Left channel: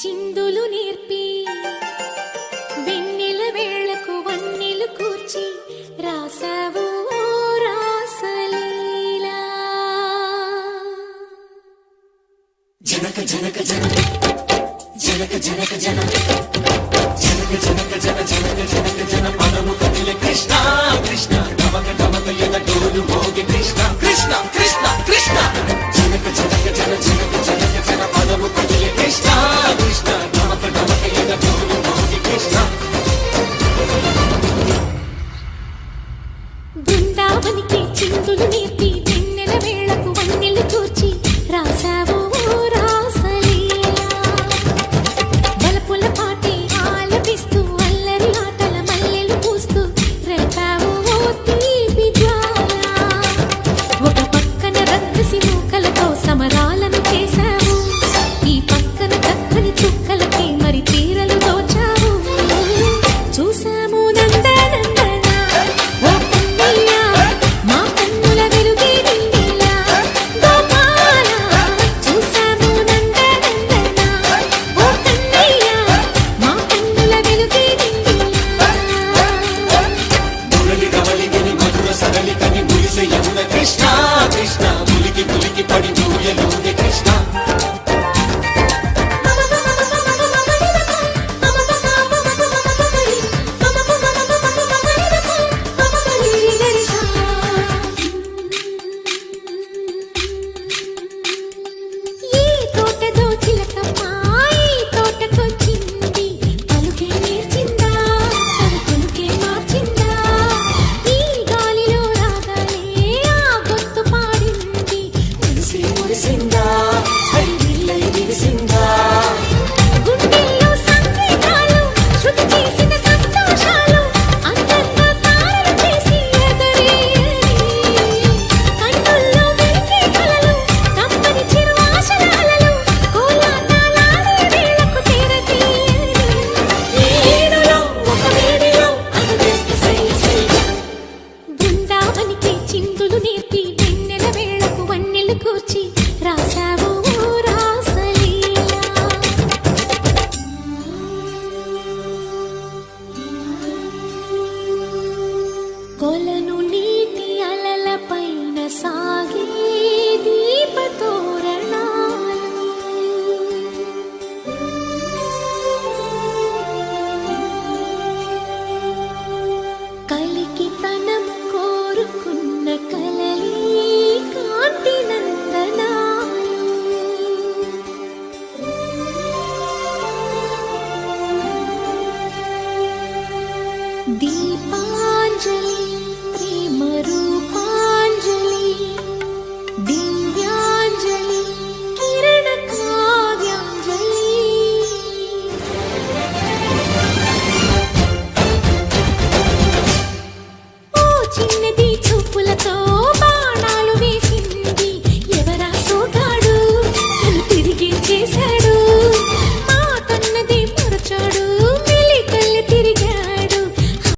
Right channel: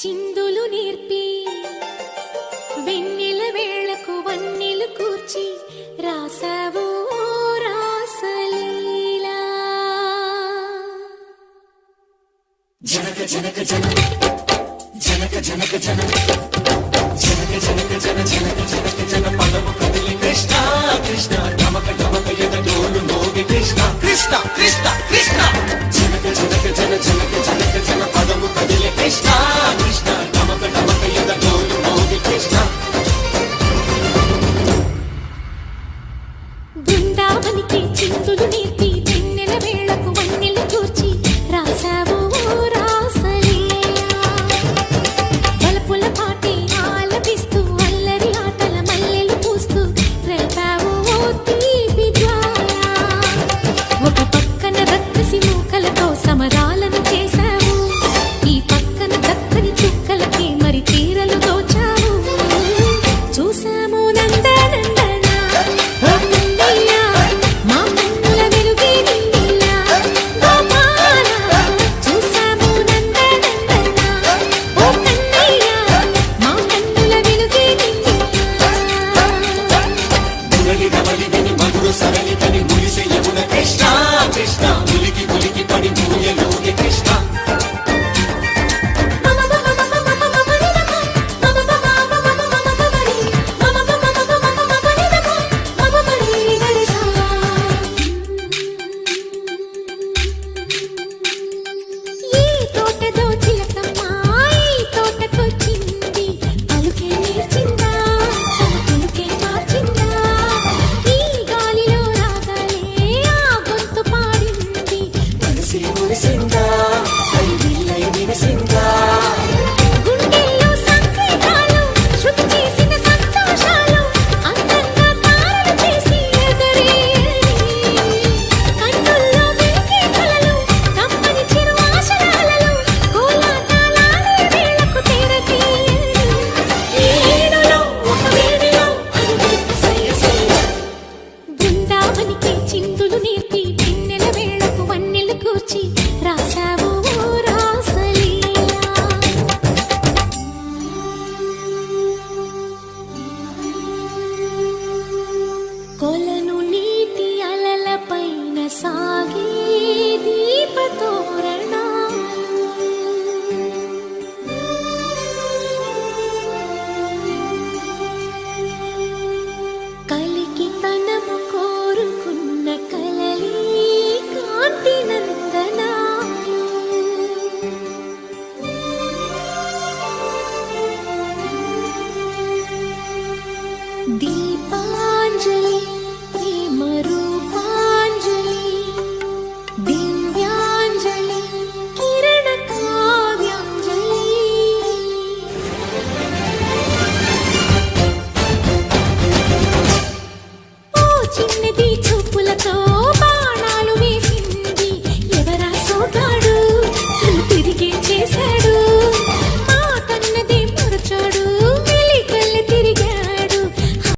చిందులు నేర్పి వెన్నెల వేళకు వన్నెలు కూర్చి రాసావు రాసలీలా. జనక జనక జన జనక జనక జన జనక జనక జన జనక జనక జన పదము కదిలి కృష్ణ కృష్ణ గమక గమక ఎదగోలు మోగి కృష్ణ కృష్ణ కృష్ణ కృష్ణ జనక జనక జన జనక జనక జన పదము కదిలి కృష్ణ కృష్ణ గమక గమక ఎదగోలు మోగి కృష్ణ. బృందావనికి చిందులు నేర్పి వెన్నెల వేళకు వన్నెలు కూర్చి రాసావు రాసలీలా. బలపుల పాటే ఆలపిస్తూ అల్లరి ఆటల మల్లెలు పూస్తూ రేపావు తీపి జ్వాల. ఒక పక్కన రక్కసి మూకలతో సమరాలను చేశావు, ఈ పక్కన చక్కని చుక్కలకి మరి చీరలు దోచావు. చూసాము నందనందన ఓ కన్నయ్య మా కన్నుల వెలుగే నిండిలా గోపాల. చూసాము నందనందన ఓ కన్నయ్య మా కన్నుల వెలుగే నిండిలా. మధుర సరళితని మురిసే యమున కృష్ణ కృష్ణ ములికి ములికి పడి దిగుయలోని కృష్ణ. చిందులు నేర్పి వెన్నెల వేళకు వన్నెలు కూర్చి రాసావు